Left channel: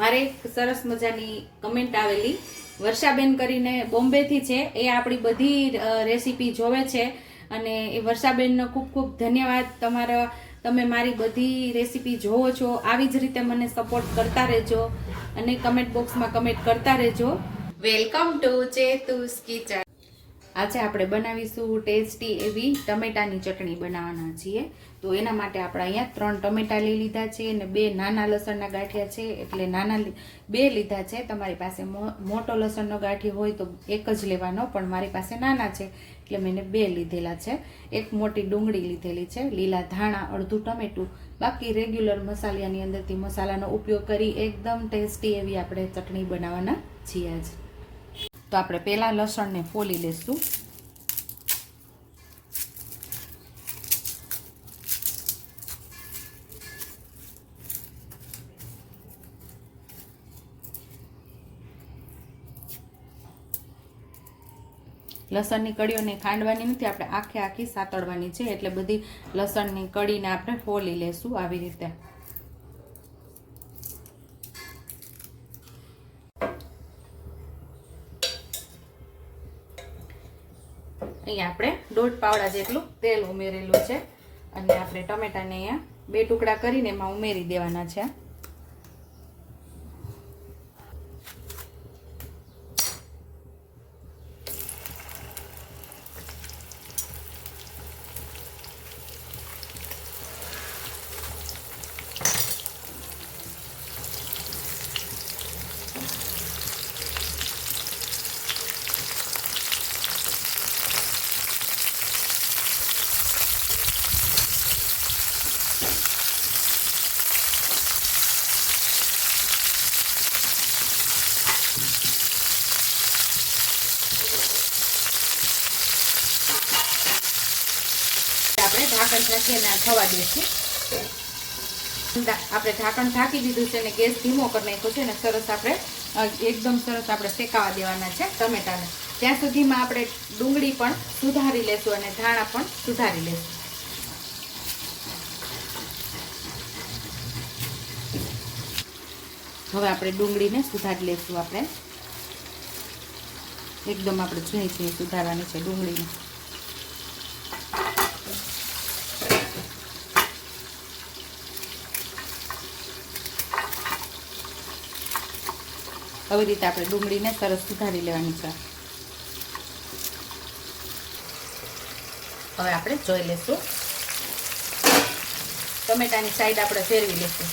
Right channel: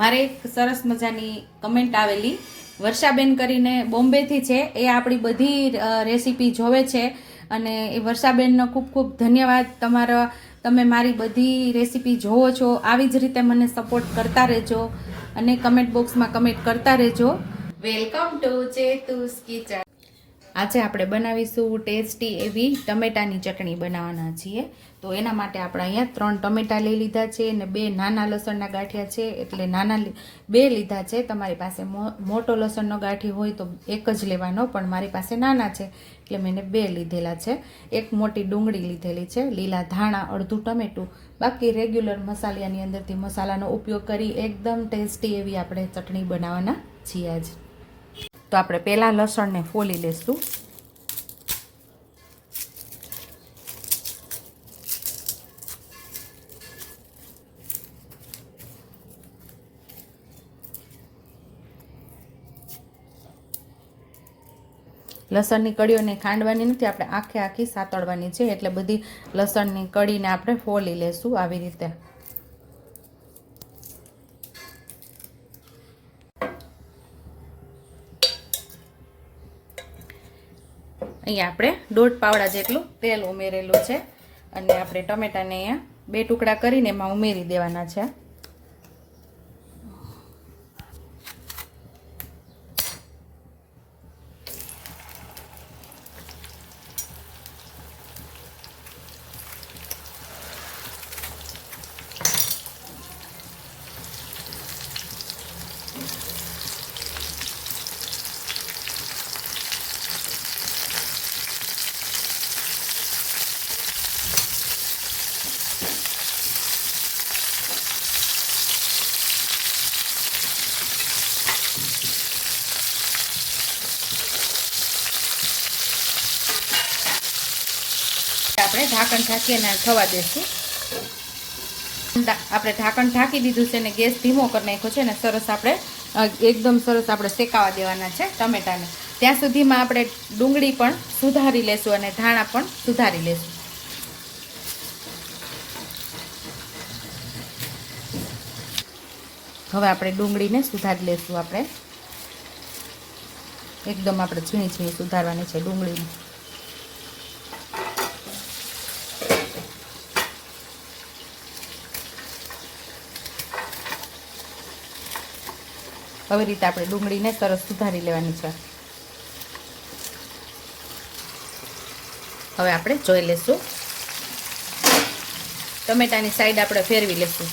મારે એક સરસ મજાની કમેન્ટ આવેલી. વર્ષાબેન કરીને બોમ્બેથી છે. એ આપણી બધી રેસીપી જોવે છે. અને એ વર્ષાબેનનો ખૂબ ખૂબ ધન્યવાદ. તમારા તમે મારી બધી રેસીપી જોવો છો. આવી જ રીતે મને સપોર્ટ કરતા રહેજો અને કમેન્ટ બોક્સમાં કમેન્ટ કરતા રહેજો. વેલકમ ટુ ચેતુસ કિચન આજે આપણે બનાવીશું ટેસ્ટી એવી ટમેટાની ચટણી બનાવવાના છીએ. તો એના માટે આપણે અહીંયા ત્રણ ટમેટા લઈ લીધા છે અને બે નાના લસણના ગાંઠિયા છે. એટલે નાના બે લીધા છે. તમારી પાસે મોટો લસણનો ગાંઠી હોય તો એક જ લેવાનો, પણ મારી પાસે નાના છે. એટલે મેં બે લીધેલા છે. એક મોટી ડુંગળી લીધેલી છે. લીલા ધાણા, અડધું ટમેટું. બાકી રેગ્યુલર મસાલાની અંદરથી મસાલાનો ઉપયોગ કરી એકદમ ટેસ્ટી એવી આપણે ચટણી બનાવવાના છીએ આજ. તો આપણે પહેલાં લસણને ફોલી લઈશું લસણની કળીઓને ખાંડવાની નથી, આપણે આખે આખી સાતળવાની છે, એટલે બધી લસણની કળીને આપણે ફોલી લેશું આવી રીતે. અહીંયા આપણે દોઢ પાવડા જેટલું તેલ ઉમેરેલું છે, અને આપણે ટમેટાને અહીંયા બે ટુકડા કરીને એમાં ઉમેરી દેવાના છે. આપણે ઢાંકણ ઢાંકી અને થવા દેશું આપણે ઢાંકણ ઢાંકી દીધું છે અને ગેસ ધીમો કરી નાખ્યો છે અને સરસ આપણે એકદમ સરસ આપણે શેકાવા દેવાના છે ટમેટાને. ત્યાં સુધીમાં આપણે ડુંગળી પણ સુધારી લેશું અને ધાણા પણ સુધારી લેશું. હવે આપણે ડુંગળીને સુધારી લેશું આપણે. એકદમ આપણે ઝીણી ઝીણી સુધારવાની છે ડુંગળીને. આવી રીતે આપણે ડુંગળીને સરસ સુધારી લેવાની છે. હવે આપણે જોઈ લેશું ટમેટાની સાઈડ આપણે ફેરવી લેશું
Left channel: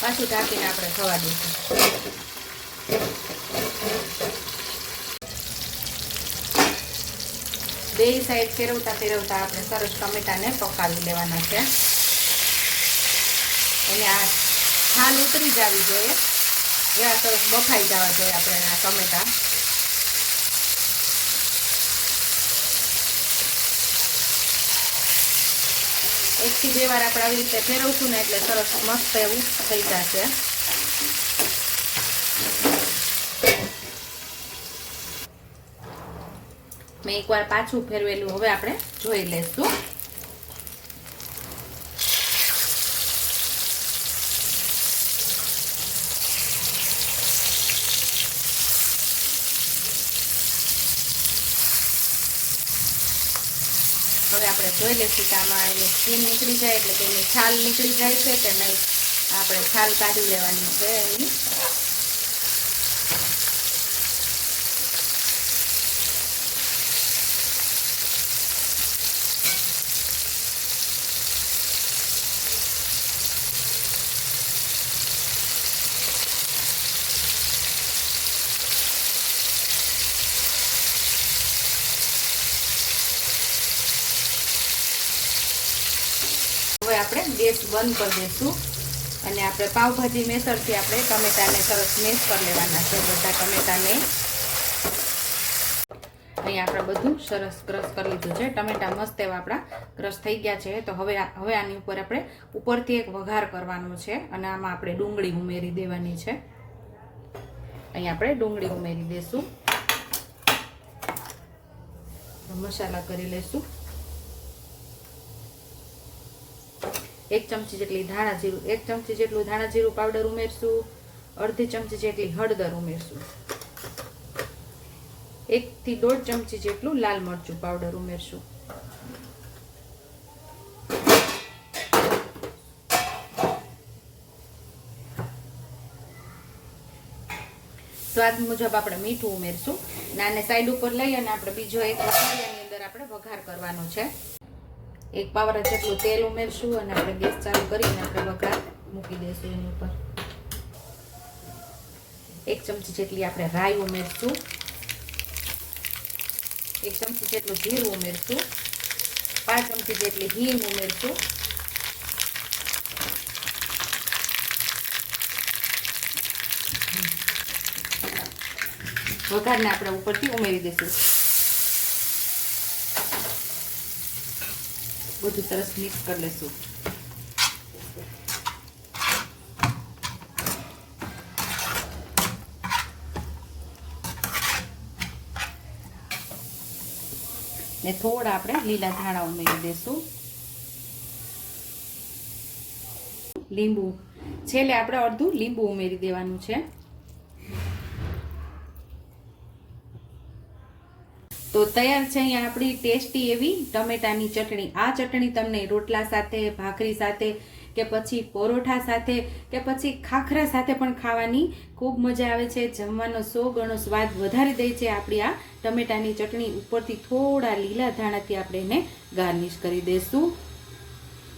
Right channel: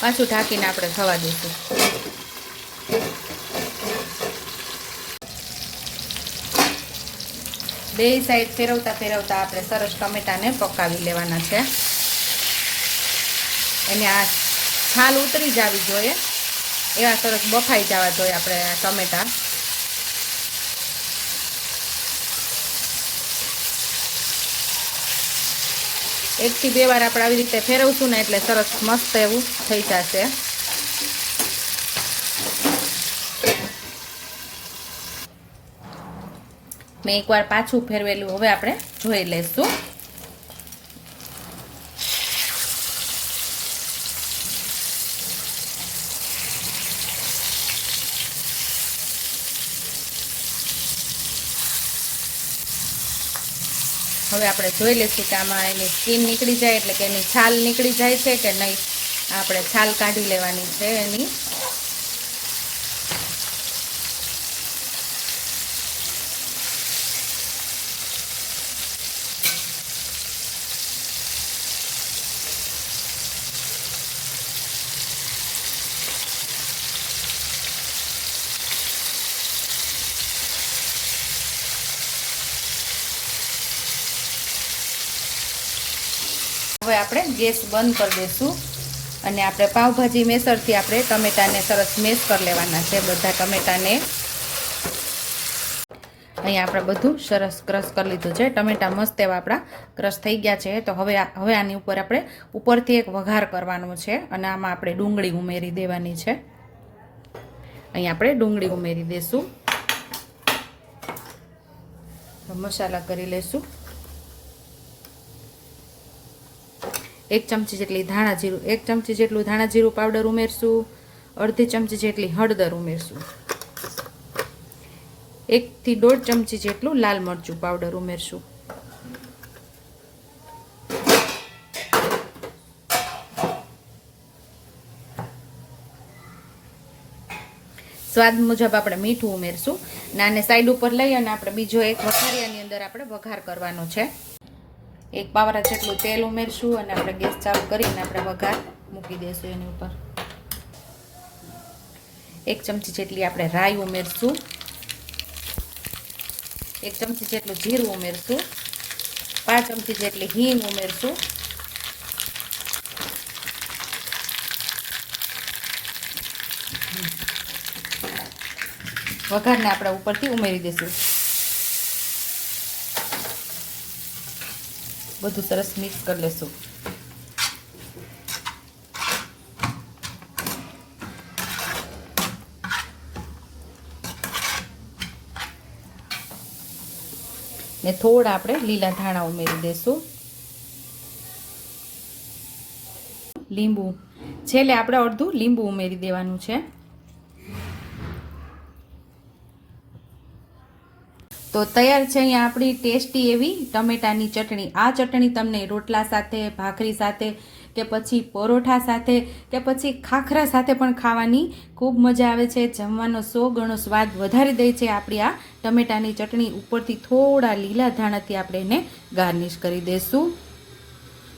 પાછું ઢાંકીને આપણે થવા દઈશું. બે સાઈડ ફેરવતા ફેરવતા આપણે સરસ ટમેટાને પકાવી લેવાના છે. એને આ છાલ ઉતરી જવી જોઈએ. એવા સરસ બફાઈ જવા જોઈએ આપણે આ ટમેટા. એકથી બે વાર આપણે આવી રીતે ફેરવશું ને એટલે સરસ મસ્ત એવું થઈ જશે. મેં એકવાર પાછું ફેરવેલું હવે આપણે જોઈ લઈશું. હવે આપણે જોઈ લઈશું કે આમાં એની સ્કીન નીકળી જાય એટલે કે એની છાલ નીકળી જાય છે કે નહીં. આપણે છાલ કાઢી લેવાની છે એની. હવે આપણે ગેસ બંધ કરી દઈશું. અને આપણે પાવભાજી મેસરથી આપણે ટમેટાને સરસ મેશ કરી લેવાના છે. બધા ટમેટાને અહીંયા આપણે બધું સરસ ક્રશ કરી લીધું છે. ટમેટા મસ્ત એવા આપણા ક્રશ થઈ ગયા છે. તો હવે હવે આની ઉપર આપણે ઉપરથી એક વઘાર કરવાનો છે. અને આમાં આપણે ડુંગળી ઉમેરી દેવાની છે. અહીંયા આપણે ડુંગળી ઉમેરી દઈશું મસાલા કરી લેશું. એક ચમચી જેટલી ધાણા જીરું, એક ચમચી જેટલું ધાણા જીરું પાવડર ઉમેરશું, અડધી ચમચી જેટલી હળદર ઉમેરશું. એકથી દોઢ ચમચી જેટલું લાલ મરચું પાવડર ઉમેરશું. સ્વાદ મુજબ આપણે મીઠું ઉમેરશું. અને સાઈડ ઉપર લઈ અને આપણે બીજો એક વઘારિયાની અંદર આપણે વઘાર કરવાનો છે. એક પાવરા જેટલું તેલ ઉમેરશું અને આપણે ગેસ ચાલુ કરીને આપણે વઘાર મૂકી દઈશું એની ઉપર. એક ચમચી જેટલી આપણે રાઈ ઉમેરશું. એક ચમચી જેટલું જીરું ઉમેરશું. પાંચ ચમચી જેટલી હિંગ ઉમેરશું. વઘારને આપણે ઉપરથી ઉમેરી દઈશું બધું સરસ મિક્સ કરી લેશું. ને થોડા આપણે લીલા ધાણા ઉમેરી દઈશું લીંબુ. છેલ્લે આપણે અડધું લીંબુ ઉમેરી દેવાનું છે. તો તૈયાર છે અહીંયા આપણી ટેસ્ટી એવી ટમેટાની ચટણી. આ ચટણી તમને રોટલા સાથે, ભાખરી સાથે કે પછી પરોઠા સાથે કે પછી ખાખરા સાથે પણ ખાવાની ખૂબ મજા આવે છે. જમવાનો સો ગણો સ્વાદ વધારી દે છે આપણી આ ટમેટાની ચટણી. ઉપરથી થોડા લીલા ધાણાથી આપણે એને ગાર્નિશ કરી દઈશું